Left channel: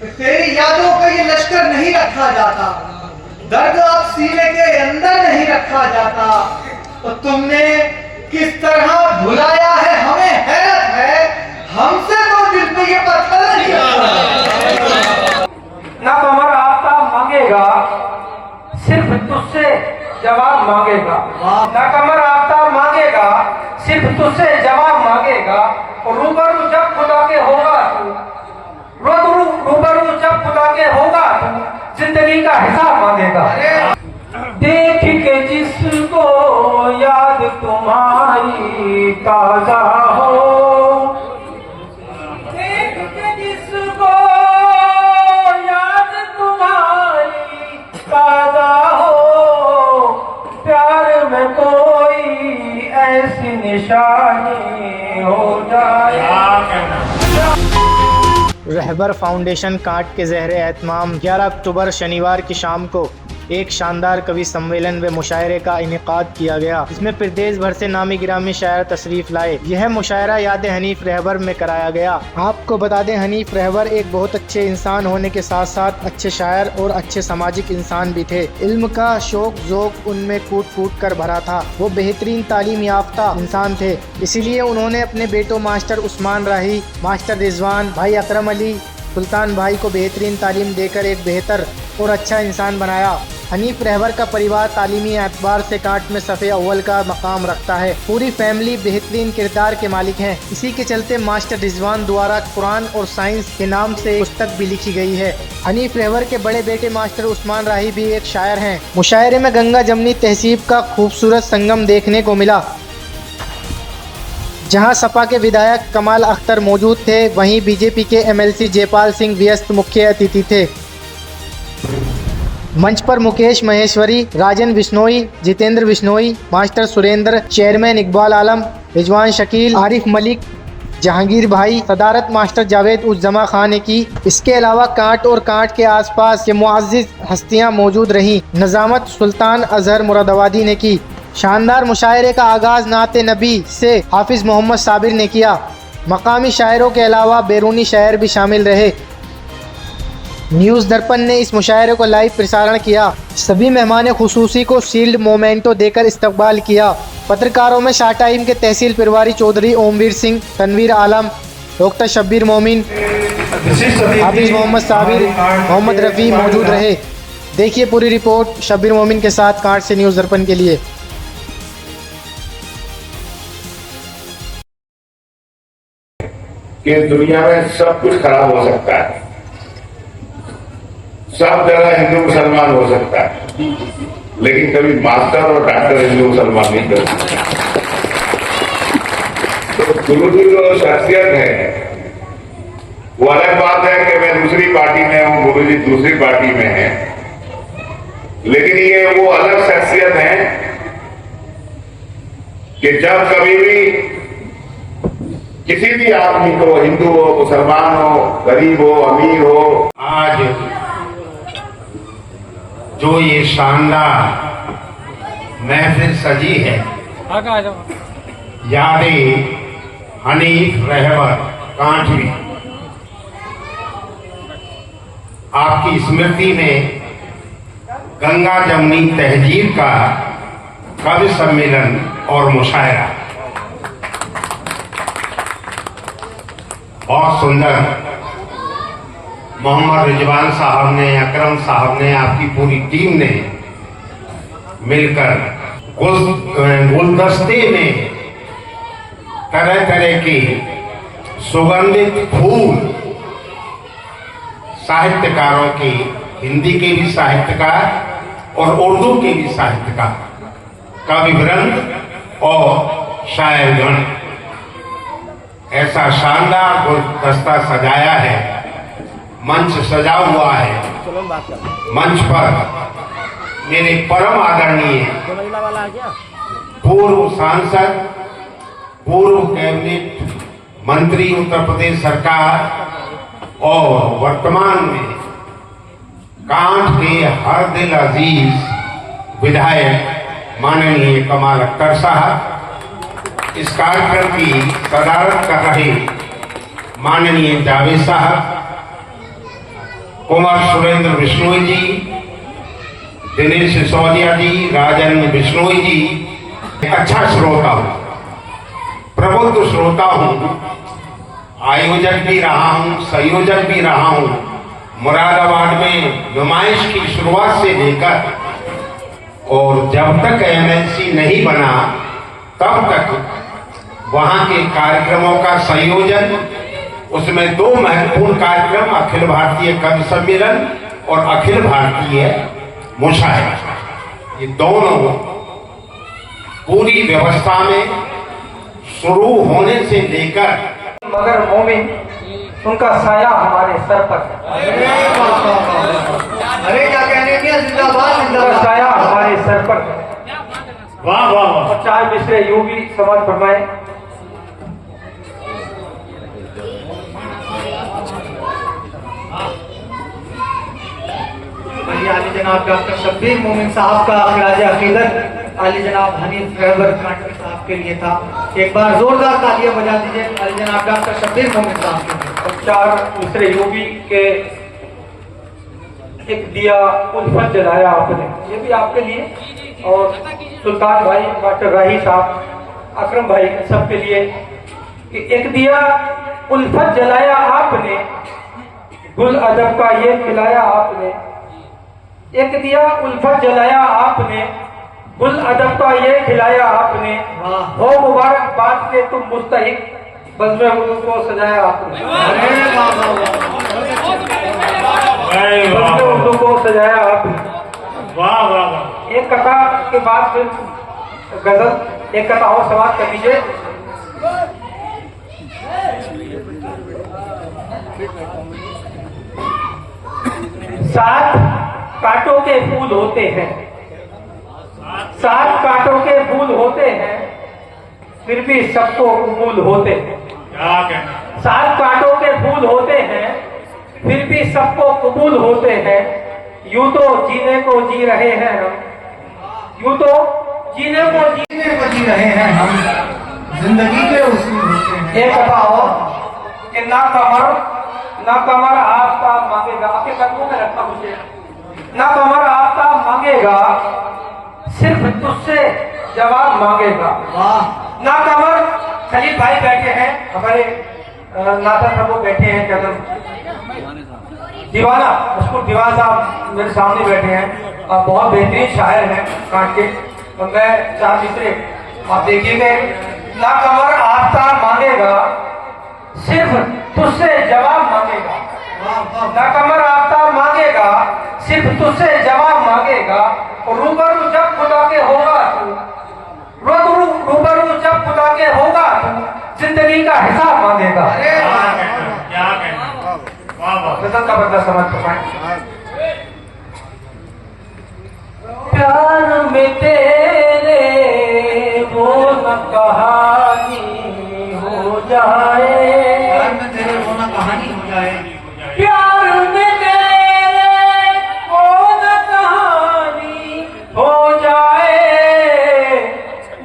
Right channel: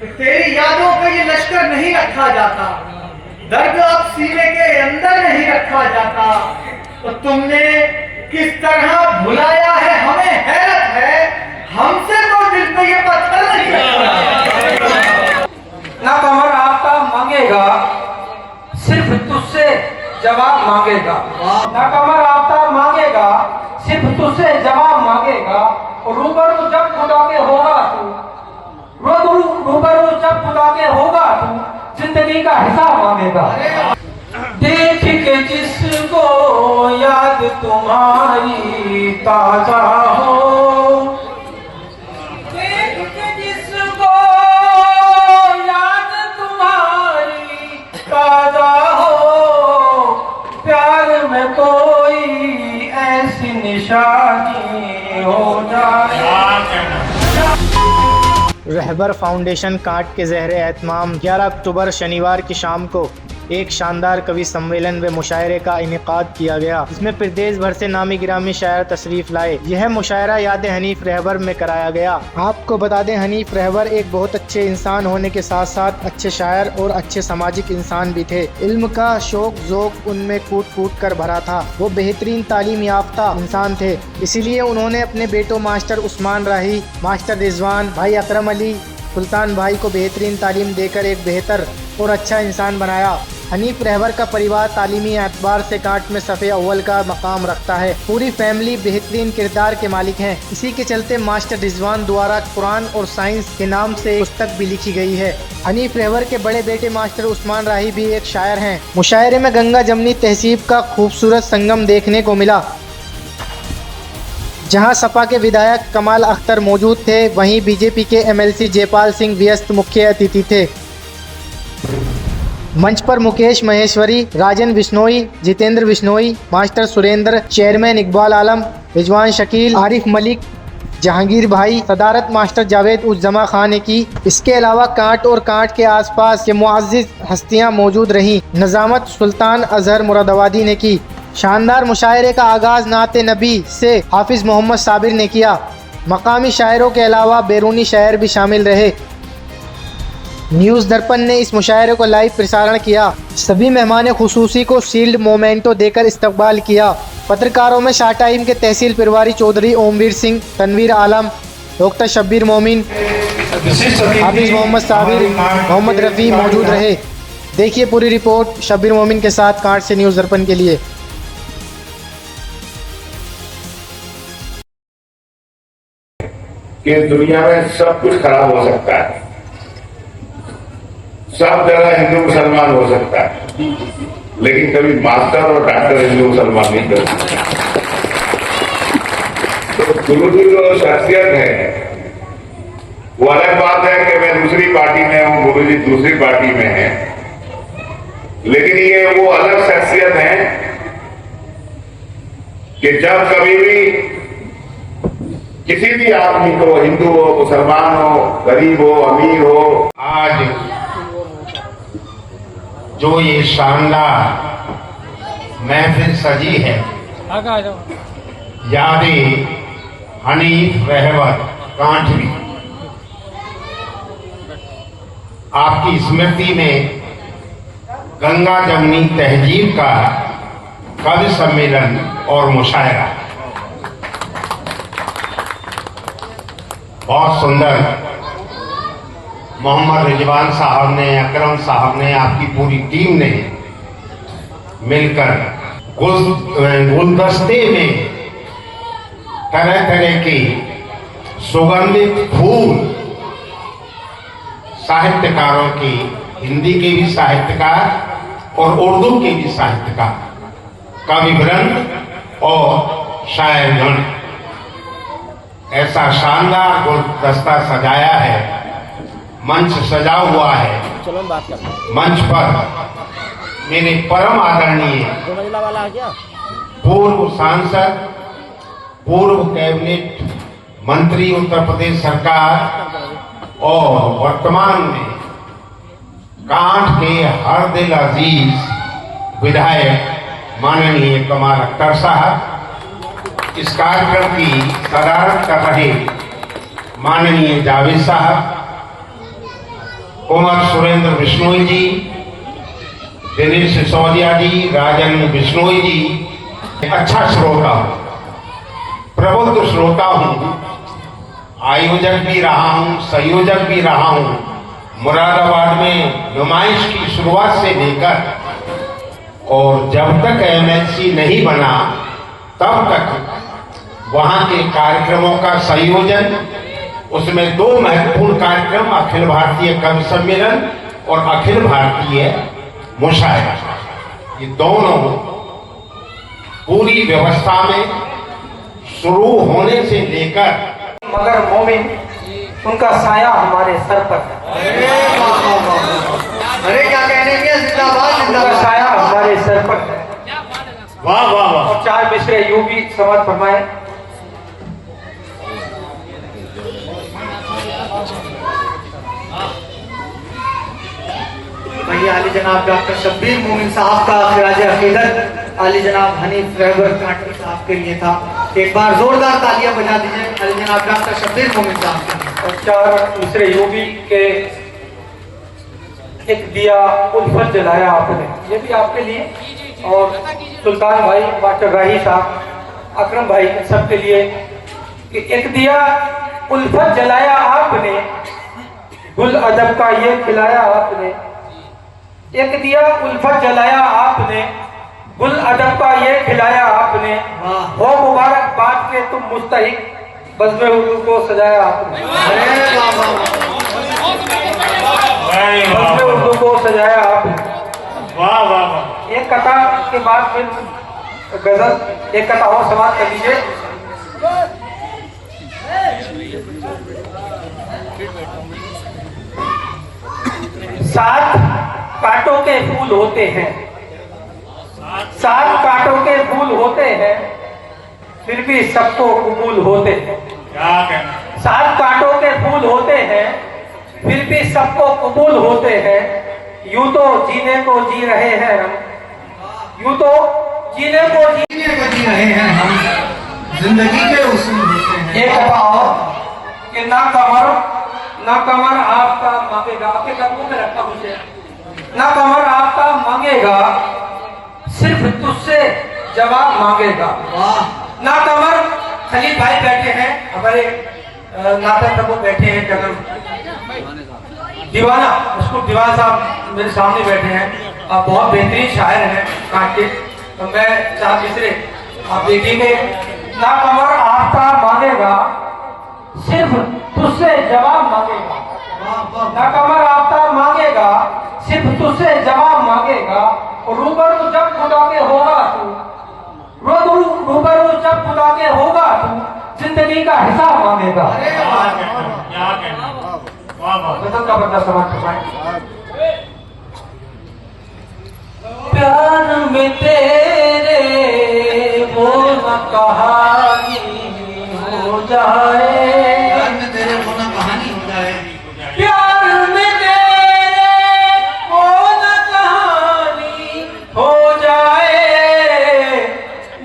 तेरी यादों का ये लश्कर नहीं रखा जाता, दर्द अब सीने के अंदर नहीं रखा जाता। तो तुमने किस तरह भुलाया है हमें हैरत है, हमसे तो दिल पे ये पत्थर नहीं रखा। ना कमर आपका मांगेगा, सिर्फ तुझसे जवाब मांगेगा। ना कमर आपका मांगेगा, सिर्फ तुझसे जवाब मांगेगा। रूबरू जब खुदा के होगा तू, रूबरू जब खुदा के होगा तू, जिंदगी का हिसाब मांगेगा। देख के जिसको याद तुम्हारी ताजा हो, देख के जिसको याद तुम्हारी ताजा हो, प्यार में कोई ऐसी निशानी हो जाए। रहबर फाउंडेशन कांट के ज़हरे एहतमाम 11 अक्टूबर शनिवार की शाम को एक शानदार कवि सम्मेलन व मुशायरे का इनेकाद किया गया, जिसमें प्रदेश भर से नामी गिरामी शायर तशरीफ लाए। यह मुशायरा याद हनीफ रहबर में कराया गया। आपको बता दें, हनीफ रहबर एक बहुत अच्छे इंसान होने के साथ साथ अच्छे शायर और अच्छे सामाजिक इंसान भी थे। इल्म का शौक ज़ौक़ उनमें कूट कूट कर भरा था। वो बेहतरीन तालीम याफ्ता इंसान थे, इसीलिए उन्होंने अपने बेटों मास्टर उस्मान राही, मास्टर रिजवान, भाई अकरम अली, सुल्तान भाई को बेहतरीन तालीम देकर एक बेहतर और अच्छा इंसान बनाया। हनीफ रहबर का परिवार तालीमी एतबार से कांट में सफ़े अव्वल का मकाम रखता है। पूरी फैमिली बेहतरीन किरदार के मालिक हैं। इसी के चलते मास्टर रिजवान द्वारा कुरान और साइंस के नाम से पुस्तक भी लिखी गई है। हनीफ रहबर के बड़े बेटे मास्टर उस्मान राही भी एक शायर हैं। मुशायरे में गंगा जमनी तहसीब का खूबसूरत संगम देखने को मिला, जहां सपा के विधायक कमाल अख्तर मौजूद थे, वहीं बीजेपी के एमएलसी जयपाल सिंह व्यस्त मुख्य अतिथि थे। मंच पर मुकेश महेश्वरी, राजन बिश्नोई, जितेंद्र बिश्नोई, मास्टर सुरेंद्र, चेयरमैन इकबाल आलम, रिजवान शकील, आरिफ मलिक, जहांगीर भाई, सदारत मास्टर जावेद उस जमा खान ने की। इसके अलावा कांट और कांट के आसपास के मुअज़्ज़िज़ हस्तियां मौजूद रहीं। नज़ामत सुल्तान अजहर मुरादाबादी ने की। शानदार मुशायरे का आगाज़ नाते नबी से हाफिज़ मोहम्मद साबिर ने किया। मकामी शायरों के अलावा बैरूनी शायर भी शामिल रहे। न्यूज़ दर्पण ने इस मुशायरे को लाइव प्रसारण किया। सभी मेहमान खुसूसी को शील्ड मोमेंटो देकर इस्तकबाल किया। पत्रकारों में शाह टाइम के तहसील पिरवारी चौधरी ओमवीर सिंह, तनवीर आलम, डॉक्टर शब्बीर मोमिन, हाफिज़ मोहम्मद साबिर, मोहम्मद रफ़ी मौजूद रहे। देखिए पूरी रिपोर्ट शब्बीर मोमिन के साथ कांट से न्यूज़ दर्पण के लिए। कि दुनिया में सब कुछ खराब हो सकता है, सब जगह हिंदू मुसलमान हो सकता है, लेकिन कभी मास्टर और डॉक्टर हिंदू मुसलमान नहीं कर सकते। तो गुरु जी जो शख्सियत है वो अलग बात है कि मैं दूसरी पार्टी में हूं, गुरु जी दूसरी पार्टी में है, लेकिन ये वो अलग शख्सियत है कि जब कभी भी किसी भी आदमी को, हिंदू हो, मुसलमान हो, गरीब हो, अमीर हो, आज जो ये शानदार महफिल सजी है, यादे हनीफ रहबर कांठवी, आपकी स्मृति में गंगा जमनी तहजीब का कवि सम्मेलन और मुशायरा बहुत सुंदर। मोहम्मद रिजवान साहब ने, अकरम साहब ने, आपकी पूरी टीम ने मिलकर गुलदस्ते में तरह तरह के सुगंधित फूल साहित्यकारों के, हिंदी के भी साहित्यकार और उर्दू के भी साहित्यकार, कवि वृंद और शायरगण ऐसा शानदार गुलदस्ता सजाया है। मंच सजा हुआ है। मंच पर मेरे परम आदरणीय पूर्व सांसद, पूर्व कैबिनेट मंत्री उत्तर प्रदेश सरकार और वर्तमान में कांठ के हर दिल अजीज विधायक माननीय कमाल अख्तर साहब, इस कार्यक्रम की सदारत कर रहे माननीय जावेद साहब, कुमार सुरेंद्र बिश्नोई जी, दिनेश सिसोदिया जी, राजन बिश्नोई जी। अच्छा श्रोता हूं, प्रबुद्ध श्रोता हूं, आयोजक भी रहा हूं, संयोजक भी रहा हूं। मुरादाबाद में नुमाइश की शुरुआत से लेकर और जब तक एमएलसी नहीं बना तब तक वहां के कार्यक्रमों का संयोजन, उसमें दो महत्वपूर्ण कार्यक्रम, अखिल भारतीय कवि सम्मेलन और अखिल भारतीय मुशायरा, ये दोनों पूरी व्यवस्था में शुरू होने से लेकर मगर मोमिन उनका साया हमारे सर पर है। अरे क्या कहने के जिंदाबाद उनका जिंदाबाद। साया हमारे सर पर है। वाह वाह वाह। और 4 मिसरे यूं भी समाज फरमाए। वही आली जनाब डॉक्टर शब्बीर मोमिन साहब का खिराज अकीदत आली जनाब हनीफ रहबर साहब के लिए था। एक बार जोरदार तालियां बजा दीजिए आली जनाब डॉक्टर शब्बीर मोमिन साहब के लिए। और 4 मिसरे यूं भी के एक दिया उल्फत जलाया आपने, ये भी आपके लिए। और सुल्तान भाई, डॉक्टर राही साहब, अकरम भाई, सबके लिए कि एक दिया उल्फत जलाया आपने, गुल अदब का ये खिलाया आपने। एक दिया उल्फत जलाया आपने, गुल अदब का ये खिलाया आपने। हो मुबारकबाद के तुम मुस्तहिक, बज़्म हुजूर को सजाया आपने। अरे वाह वाह वाह। बज़्म हुजूर को सजाया आपने। वाह वाह वाह। एक कथा के बाद फिर गजल, एक कथा और समाप्त कर लीजिए। सात कांटों के फूल होते हैं, 7 कांटों के फूल होते हैं, फिर भी सबको कबूल होते हैं। क्या कहना। 7 कांटों के फूल होते हैं, फिर भी सबको कबूल होते हैं। यूं तो जीने को जी रहे हैं हम, यूं तो जीने को जी रहे हैं हम, जिंदगी के उसूल होते हैं। एक कथा और कि ना कमर आपका मांगेगा, आपके कदमों में रखा मुझे। ना कमर आपका मांगेगा, सिर्फ तुझसे जवाब मांगेगा। वाह। ना कमर खलील भाई बैठे हैं, हमारे नाथन प्रभु बैठे हैं, दीवाना, उसको दीवाना साहब मेरे सामने बैठे हैं और बहुत बेहतरीन शायर हैं काट के। और मैं 4 मिसरे आप देखिएगा। ना कमर आपका मांगेगा, सिर्फ तुझसे जवाब मांगेगा। ना कमर आपका मांगेगा, सिर्फ तुझसे जवाब मांगेगा। और रूबरू जब खुदा के होगा तू, रूबरू जब खुदा के होगा तू, जिंदगी का हिसाब मांगेगा। क्या कहना। वाह वाह। गजल का बदला समाज फरमाए। प्यार में तेरे वो न कहानी हो जाए, प्यार में तेरे होना कहानी हो जाए। प्यार में तेरे वो न कहानी हो जाए,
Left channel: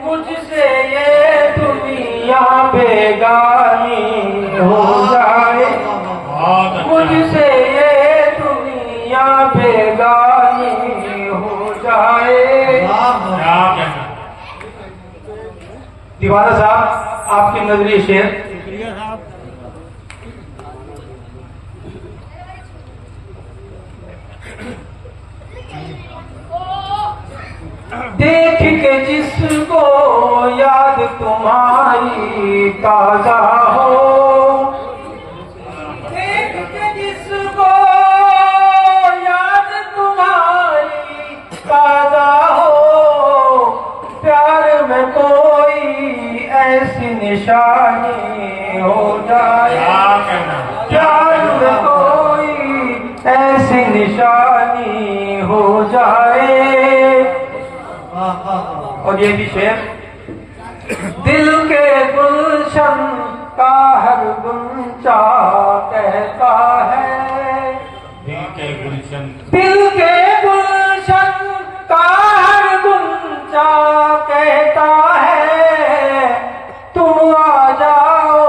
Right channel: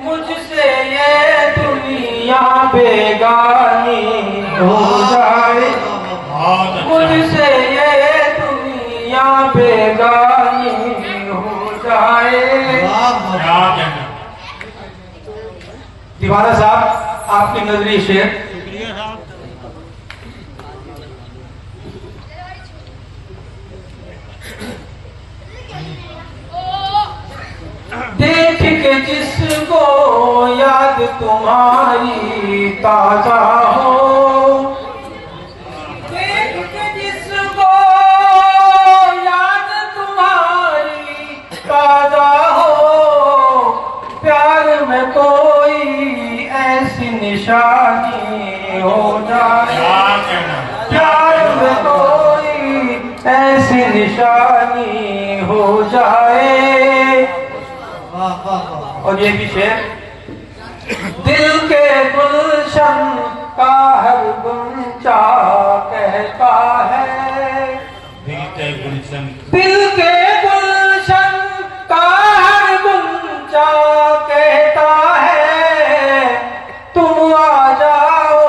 मुझसे ये दुनिया बेगानी हो जाए, मुझसे ये दुनिया बेगानी हो जाए। क्या कहना। दीवाना साहब, आपकी नजरी शेर। देख के जिसको याद तुम्हारी ताजा हो, देख के जिसको याद तुम्हारी ताजा हो, प्यार में कोई ऐसी निशानी हो जाए, क्या कहना। प्यार में कोई ऐसी निशानी हो जाए। वाह वाह वाह। और ये भी शेर, दिल के गुलशन का हर गुंजा कहता है, दिल के गुलशन। दिल के गुलशन का हर गुंजा कहता है, तुम आ जाओ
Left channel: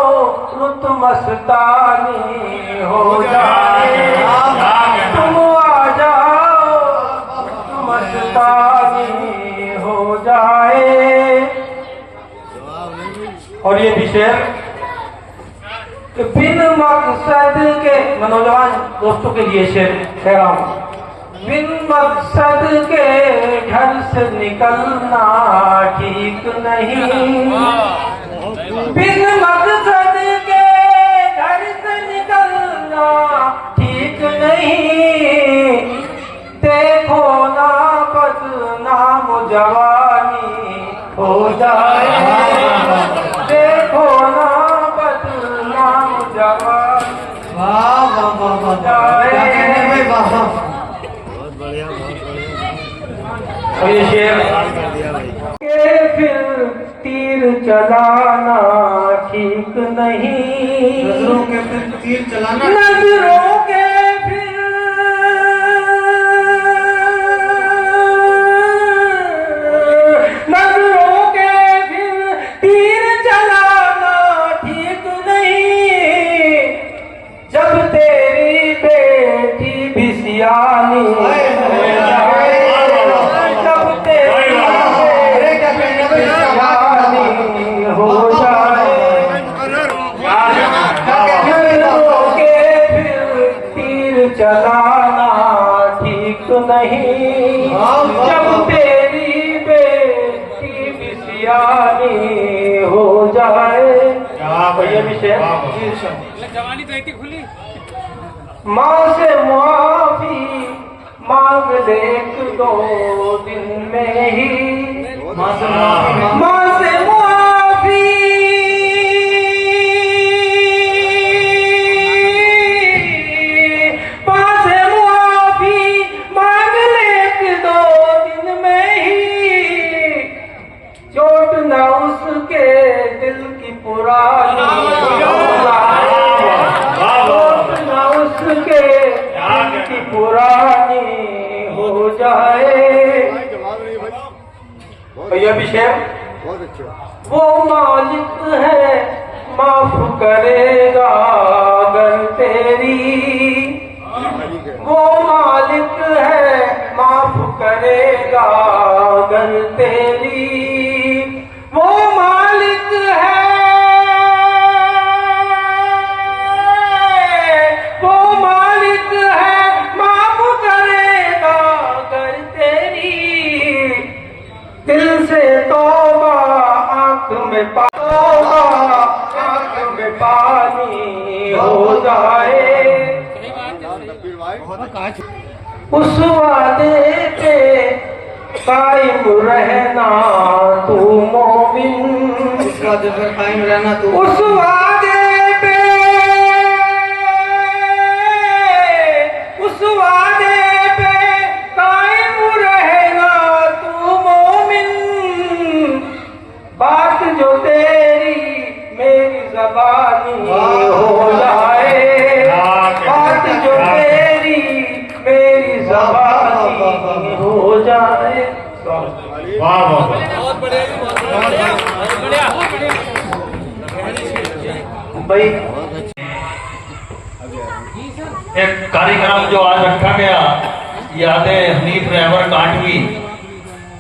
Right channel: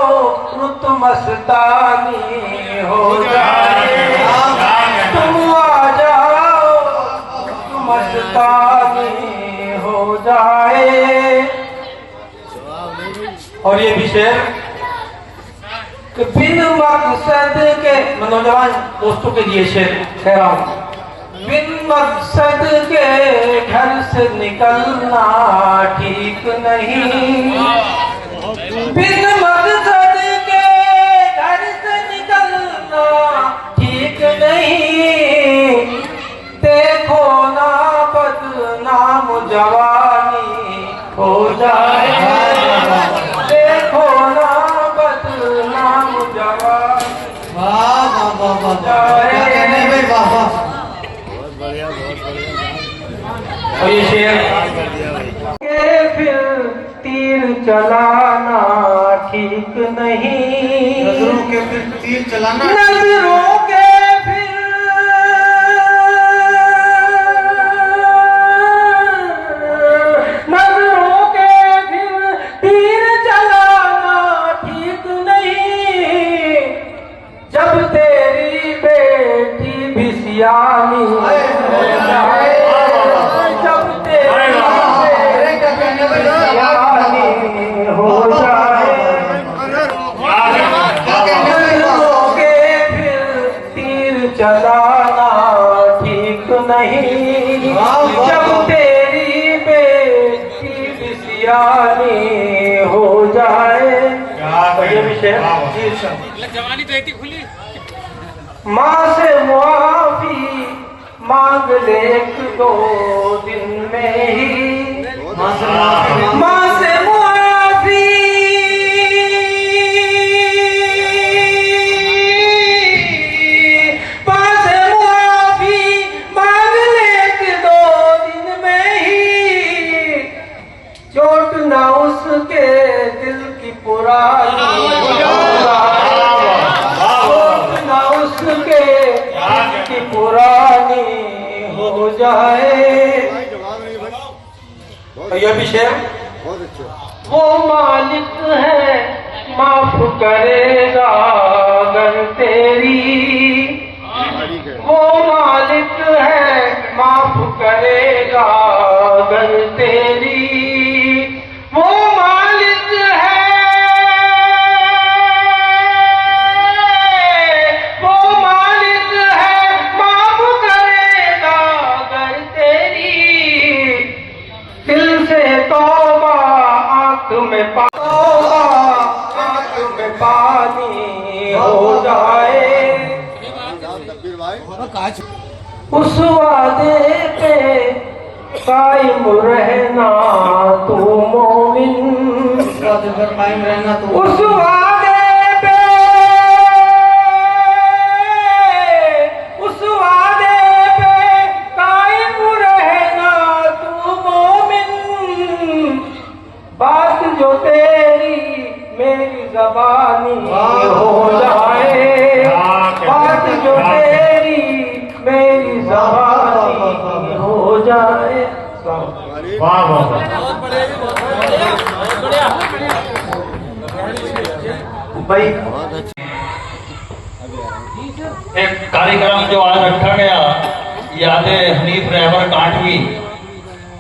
रुत मस्तानी हो जाए, और ये भी शेर कि बिन मकसद के, नौजवान दोस्तों के लिए शेर कह रहा हूं। बिन मकसद के घर से निकलना ठीक नहीं, बिन मकसद के घर से निकलना ठीक नहीं, देखो ना बदनाम जवानी हो जाए, देखो ना बदनाम जवानी। वाह वाह वाह वाह वाह, क्या कहने में, वाह वाह। और ये शेर के फिर तीर चलाना ठीक नहीं, नजरों के फिर तीर चलाना, नजरों के फिर नजरों के फिर तीर चलाना ठीक नहीं, जब तेरी बेटी भी सियानी हो जाए, फिर तीर चलाना ठीक नहीं, जब तेरी बेटी भी सियानी हो जाए। और ये भी शेर, माँ से मुआफी मांग ले एक दो दिन में ही, माँ से मुआफी मांग ले एक दो दिन में ही, चोट ना उसके दिल की पुरानी, चोट ना उसके दिल की पुरानी हो जाए। तो यह भी शेर, वो मालिक है माफ करेगा अगर तेरी, वो मालिक है माफ करेगा अगर तेरी, वो मालिक है, वो मालिक है माफ करेगा अगर तेरी, दिल से तौबा आंख में तौबा आंख में पानी हो जाए, उस वादे पे कायम रहना तू मोमिन, उस वादे पर कायम रहना तू, उस वादे पे, उस वादे पे कायम रहना तू मोमिन, बात जो तेरी मेरी जबानी हो जाए, बात जो तेरी मेरी जबानी हो जाए। वाह वाह, भाई एक कार्यक्रम जो आज रखा गया, यादें हनीफ रहबर काटवी,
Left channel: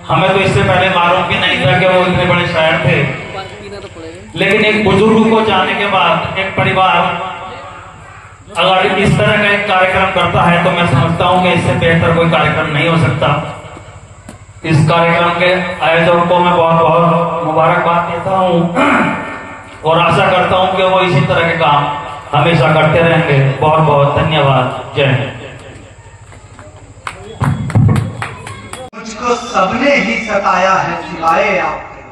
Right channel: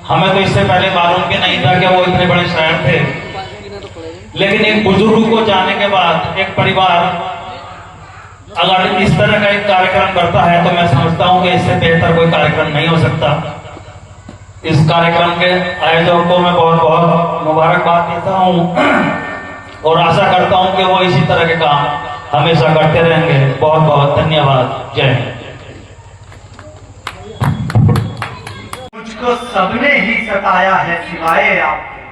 हमें तो इससे पहले मालूम भी नहीं था कि वो इतने बड़े शायर थे, लेकिन एक बुजुर्ग को जाने के बाद एक परिवार अगर इस तरह का एक कार्यक्रम करता है तो मैं समझता हूं कि इससे बेहतर कोई कार्यक्रम नहीं हो सकता। इस कार्यक्रम के आयोजकों को मैं बहुत बहुत मुबारकबाद देता हूं और आशा करता हूं कि वो इसी तरह के काम हमेशा करते रहेंगे। बहुत बहुत धन्यवाद। जय हिंद। मुझको सबने ही सताया है सिवाय आपके,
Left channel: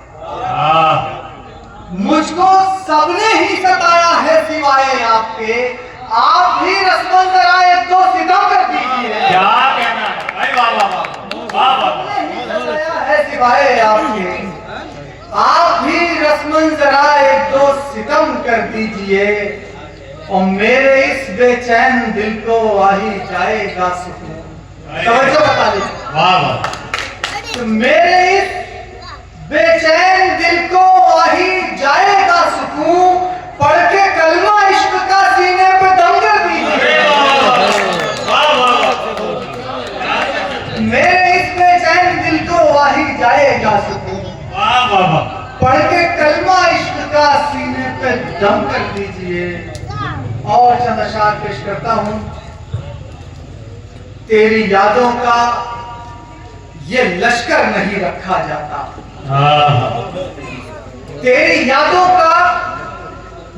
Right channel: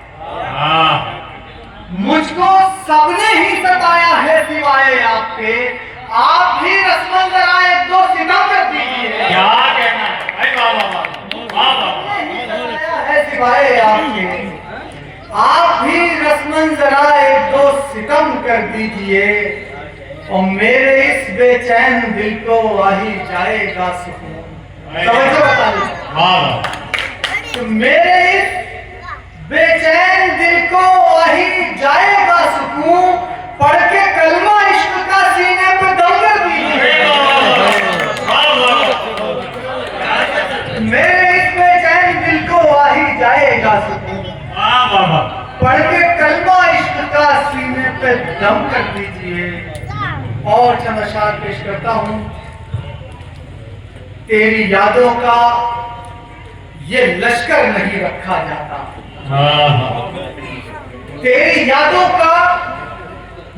मुझको सबने ही सताया है सिवाय आपके, आप भी रस्मन जरा एक दो सितम कर दीजिए। क्या कहना है भाई, वाह वाह वाह वाह, सताया है सिवाय आपके, आप भी रस्मन जरा एक दो सितम कर दीजिए, और मेरे इस बेचैन दिल को आ ही जाएगा सुकून। समझो बता दीजिए, वाह वाह, तो मेरे इस बेचैन दिल को आ ही जाएगा सुकून, पढ़ के कलमा इश्क का सीने पे दम कर दीजिए। मेरे इस बेचैन दिल को आ ही जाएगा सुकून, वाह वाह, पढ़ के कलमा इश्क का सीने पे दम कर दीजिए और चंद अशआर पेश करता हूं। तेरी यादों का ये लश्कर नहीं रखा जाता, तेरी यादों का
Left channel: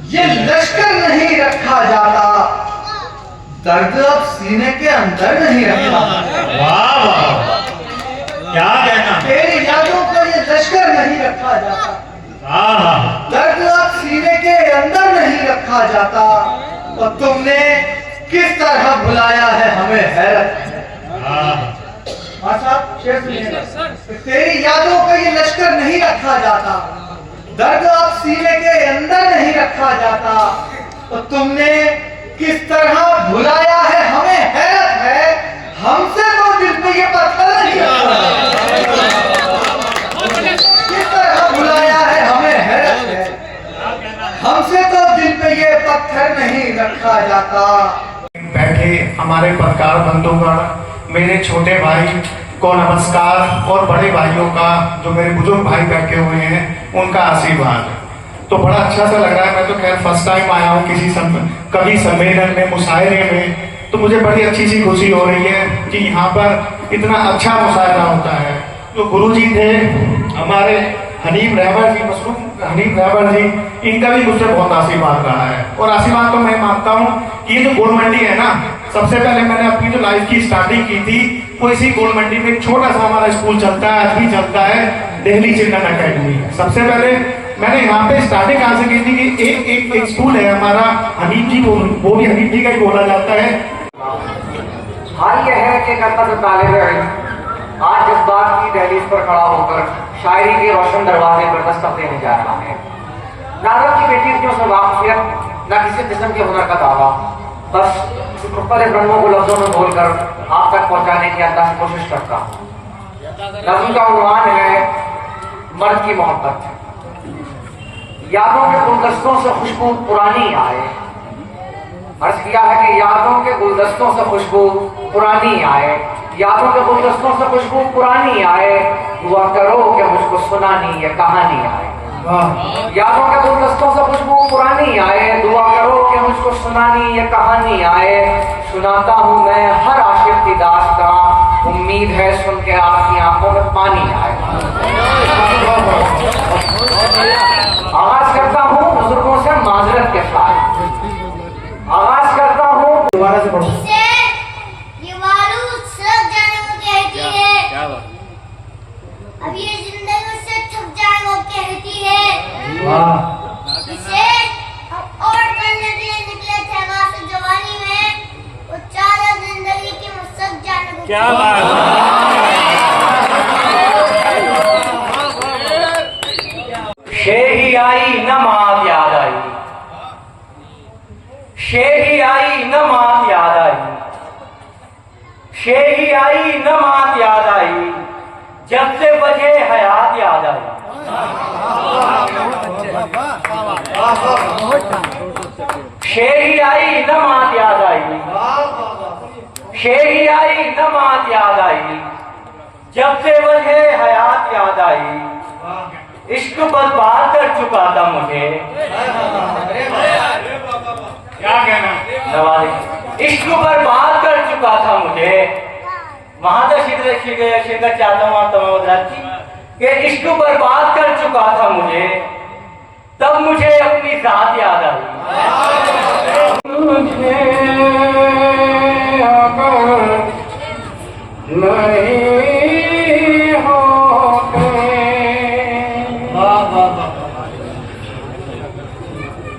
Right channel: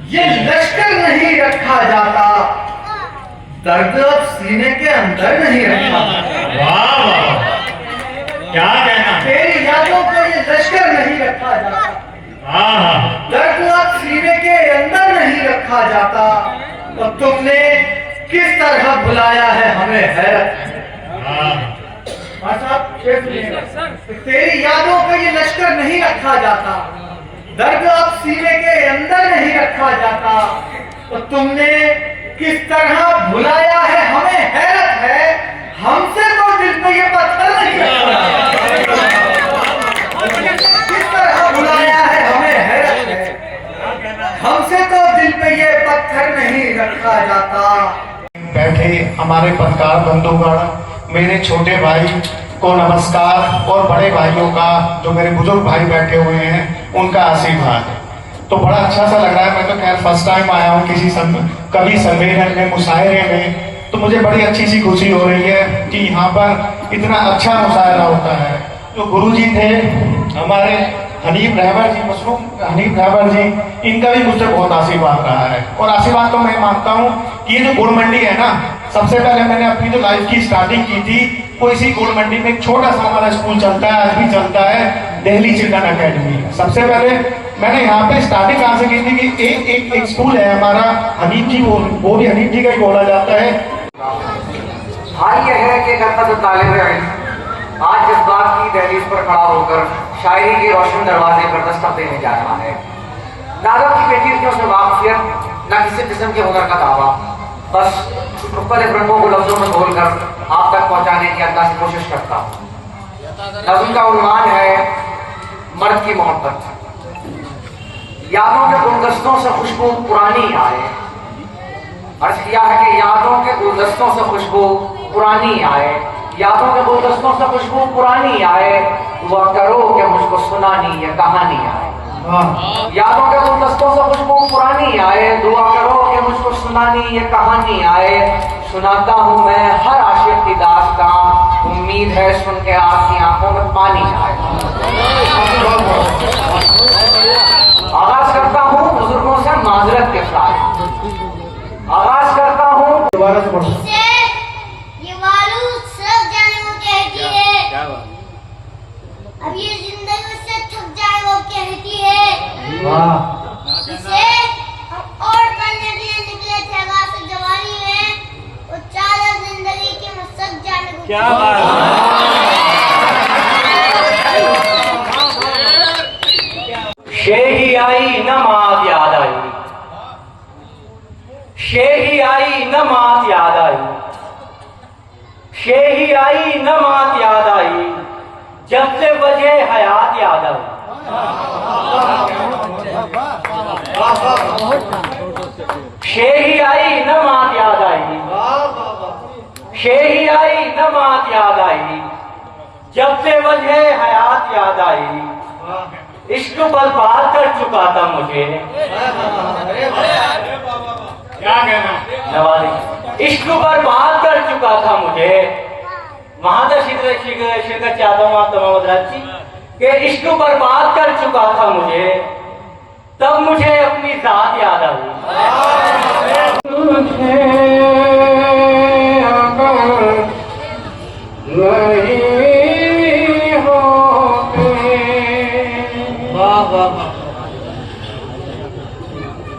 ये लश्कर नहीं रखा जाता, दर्द अब सीने के अंदर नहीं रखा जाता। वाह वाह, क्या कहना। तेरी यादों का ये लश्कर नहीं रखा जाता, दर्द अब सीने के अंदर नहीं रखा जाता, और तुमने किस तरह बुलाया है हमें हैरत है। साहब शेर सुनिएगा। तेरी यादों का ये लश्कर नहीं रखा जाता, दर्द अब सीने के अंदर नहीं रखा जाता, तो तुमने किस तरह भुलाया है हमें हैरत है। हमसे तो दिल पे ये पत्थर नहीं रखा, किस तरह भुलाया है हमें हैरत है। हमसे तो दिल पे ये पत्थर नहीं रखा जाता। बैठे हमारे पत्रकार बंधुगण, मेरे छोटे भाई को नमस्कार, और बड़े भाइयों का, जो मेरे बुजुर्ग भाई बैठे हुए हैं, उनका आशीर्वाद। तो बड़ा अच्छा सा लग रहा है। मैं तो खैर फर्स्ट टाइम आया हूँ किसी कवि सम्मेलन में, मुशायरे में, तो मुझे बड़ी अच्छी सी खुशी हो रही है कि यहाँ पर इतना अच्छा मुशायरा होता है। तो गुरुजी थे हमारे हनीफ रहबर जी, मशरूम हनीफ रहबर जी, इनका भी मुझसे बहुत आशीर्वाद रहा है। और आशीर्वाद तो मैं मानता हूँ कि ये जो गोल मंडी है ना, सबसे पहले मैंने अपनी जो लाइफ की स्टार्टिंग की थी वो इसी गोल मंडी में एक छोटा सा हमारा स्कूल चलता है, आज भी चलता है, दिल्ली चिल्ड्रन अकेडमी। सबसे पहले मैंने यहाँ पे स्टार्टिंग कहाँ से की थी कि एक स्कूल है हमारा हनीफ जी, वो भी हनीफ जी का ही बोला जाता है। हाल यह है कि जब तक तालिब इल्म आज जिस बात की दहलीज पर खड़ा होकर शायरी के रोशन दरवाजे पर दस्तक देने जा रहा है, नादर की बेटी की उसमें वाकफियत, न किसी किस्म के हुनर का दावा, बस मुख्तलिफ रंगों को लफ्जों में बोलकर आप तक पहुंचाने की अंदाज कोशिश करता हूँ। नज़्म का उन्वान है मर्द की मोहब्बत। यादों के गुलदस्तों से खुशबू पुरानी आए, अर्ज किया है कि यादों के गुलदस्तों से खुशबू पुरानी आए, यादों के गुलदस्तों से खुशबू पुरानी आए, दुआ करो कि मुझको सुनानी ये कहानी आए। यादों के गुलदस्तों से खुशबू पुरानी आए, दुआ करो कि मुझको सुनानी ये कहानी आए। सुनाता हूँ मैं हर आशिक की दास्तां, उम्मीद है सुन के आपकी आंखों में पानी आए। आगाज करता हूँ बुजुर्गों से माजरत के साथ, आगाज करता हूँ ये मालूम सब जाने को कहती है, अब ये जिंदगी से थक जाए वो कहती है। इसे हम और करने के लिए निकले थे गासे जवानी में, वो चारा जिंदगी के मकसद जाने को क्या शेही आई न मात याद आई, शेही आई न मात याद आई, शेही आई न मात याद आई, जब से वजह हयात याद आई। शेही आई न मात याद आई, शेही आई न मात याद आई, जब से वजह हयात याद आई। इश्क बर्बाद कर चुका था मुझे, क्या कहना। इश्क बर्बाद कर चुका था मुझे, वहां तक शिरकत चाहता हूँ आप तमाम हजरात कि इश्क बर्बाद कर चुका था मुझे, तब मुझे अपनी जात याद आई।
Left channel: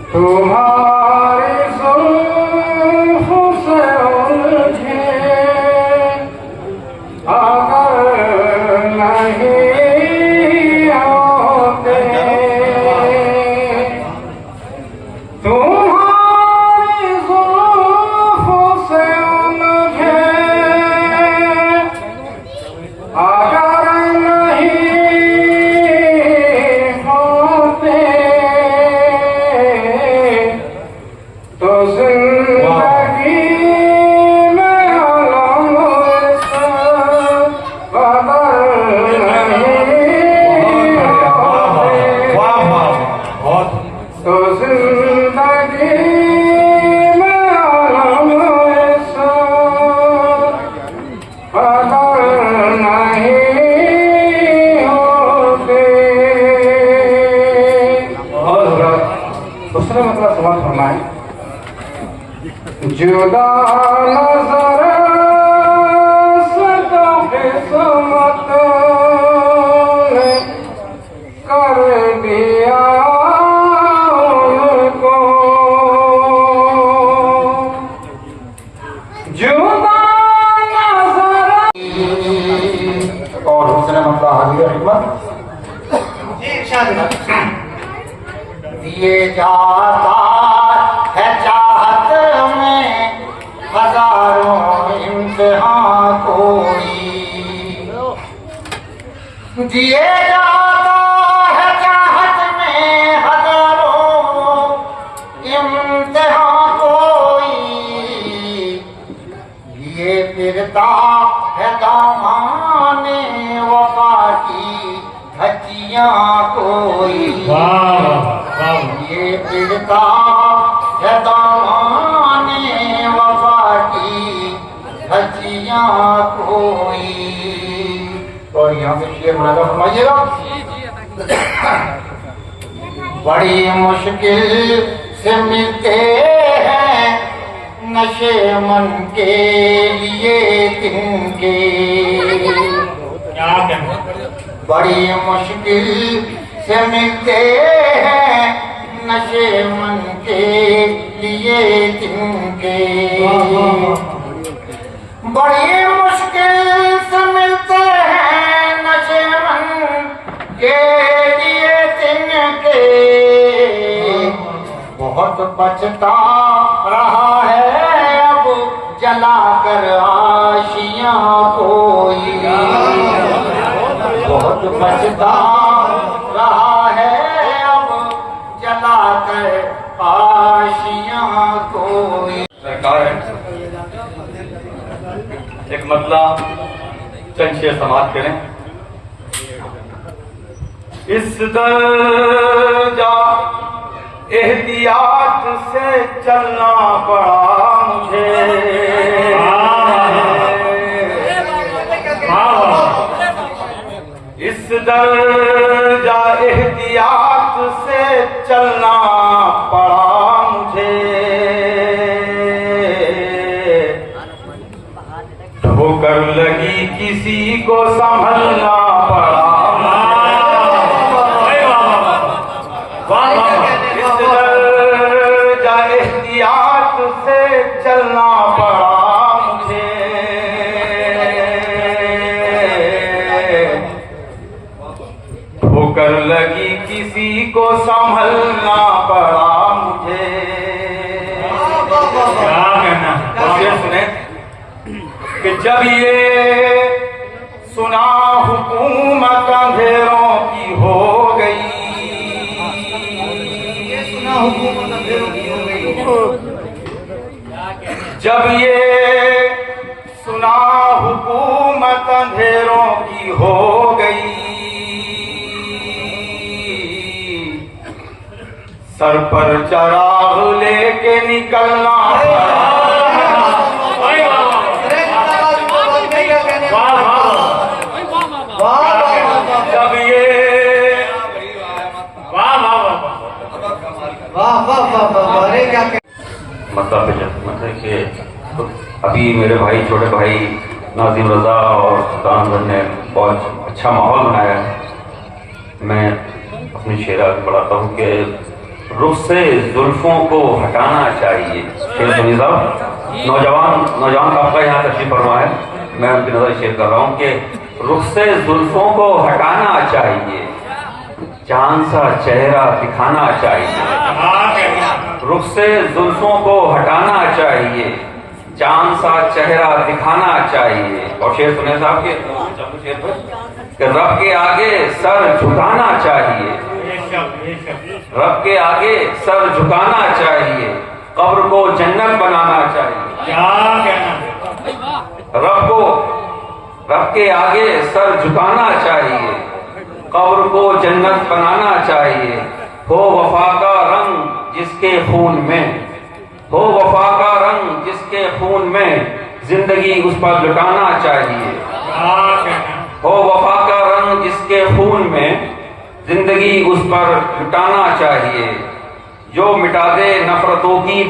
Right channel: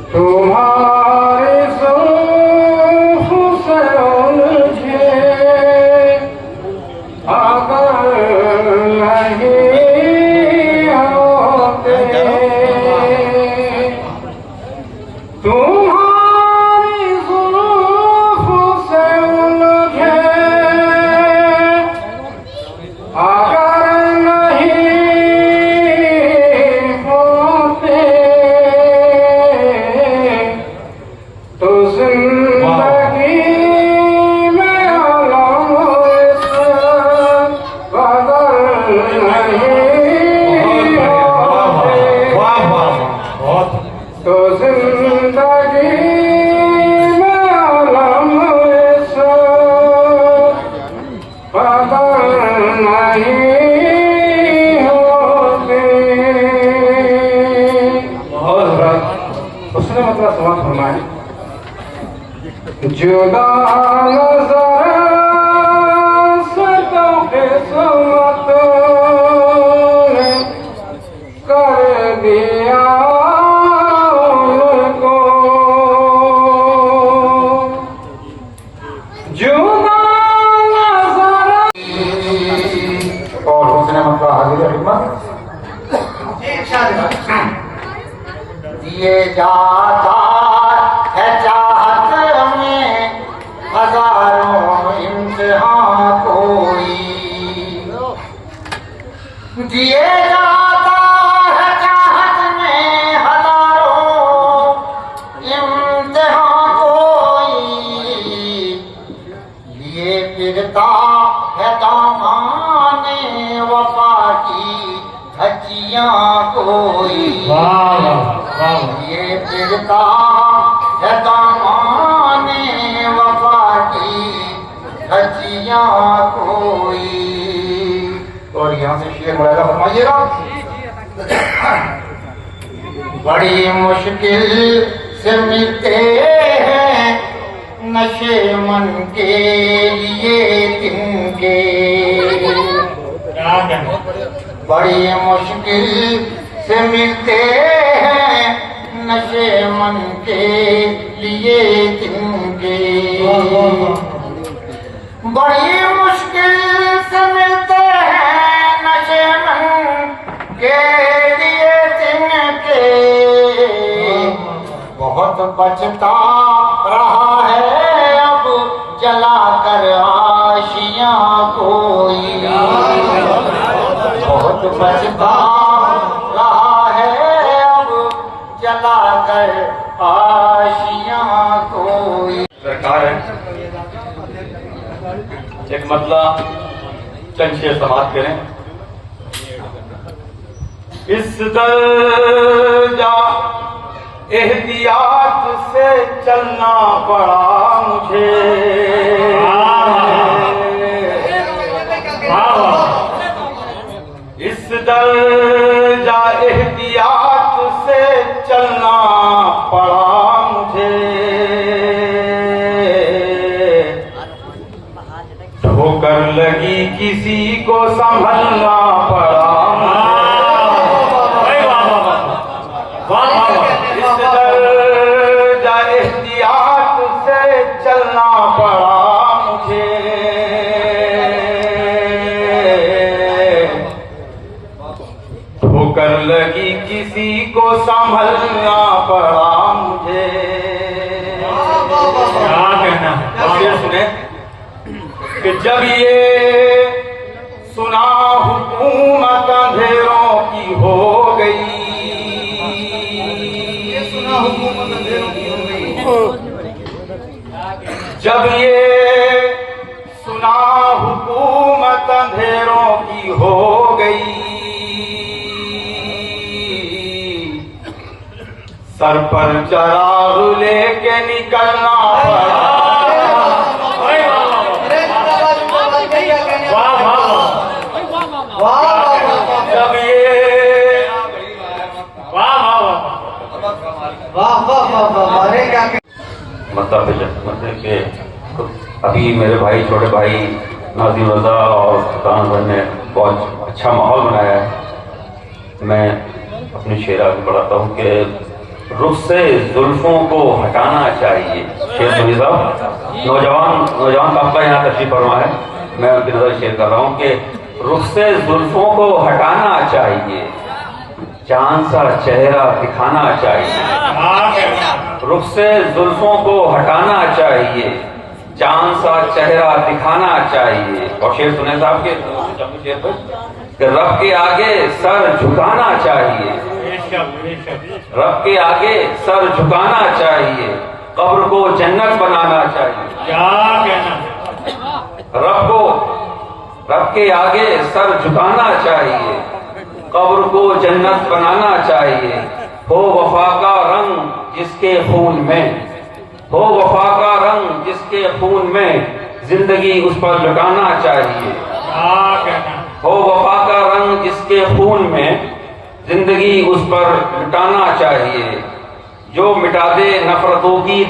तुम्हारे ज़ुल्फ़ों से उलझे अगर नहीं होते, तुम्हारी ज़ुल्फ़ों से उलझे हाजिर खिदमत। जी इरशाद। दिए जाता है चाहत में हजारों इम्तिहान कोई, दिए जाता है चाहत में हजारों इम्तिहान कोई, लिए फिरता है दामाने वफा की धज्जियां कोई, ये फिरता है दामाने वफा की धज्जियां कोई। और यहाँ से शेर मुलाजा फरमाइएगा। बड़ी मुश्किल से मिलते हैं नशे मन के लिए तिनके, बड़ी मुश्किल से मिलते हैं नशे मन के लिए तिनके, बड़ी मुश्किल से मिलते हैं नशे मन के लिए तिनके, बहुत बचता रहा है अब जला कर आशियां कोई, बहुत बचता रहा है अब जला कर आशियां कोई। सरकार है एक मतला चंद शेर समाप्त करें। इस दर्जा एहतियात से चलना पड़ा मुझे, इस दर्जा एहतियात से चलना पड़ा मुझे, ठोकर लगी किसी को संभलना पड़ा, इस दर्जा एहतियात से चलना पड़ा मुझे, ठोकर लगी किसी को संभलना पड़ा मुझे। क्या कहना है सुने कि जब ये सुना हुकूमत अंधेरों की हो गई, जब ये सुना हुकूमत अंधेरों की हो गई, सर पर चराग लेके निकलना पड़ा, जब ये मतलब कि अभी मेरे भाई छोटे भाई नाज़िम रजा और सुल्तान भर ने बहुत अच्छा माहौल बनाया है। मैं अपनी शेर आगे बढ़ाता हूँ कि रुख से जुल्फों को हटाना चाहिए। शेर सुनिए साहब, नौजवान आपका यहाँ तशरीफ फरमा है, मैं उनकी नजर शेर कर रहा हूँ कि रुख से जुल्फों को हटाना चाहिए, चांद सा चेहरा दिखाना चाहिए, रुख से जुल्फों को हटाना चाहिए, चांद सा चेहरा दिखाना चाहिए। और शेर सुने साहब के रब के आगे सर झुकाना चाहिए, रब के आगे सर झुकाना चाहिए, कब्र को जन्नत बनाना चाहिए। रब के आगे सर झुकाना चाहिए, कब्र को जन्नत बनाना चाहिए। हो वफा का रंग जिसके खून में, हो वफा का रंग जिसके खून में, जिंदगी उस पर लुटाना चाहिए। हो वफा का रंग जिसके खून में, जिंदगी उस पर लुटाना चाहिए। जो मिटा दे नफरतों की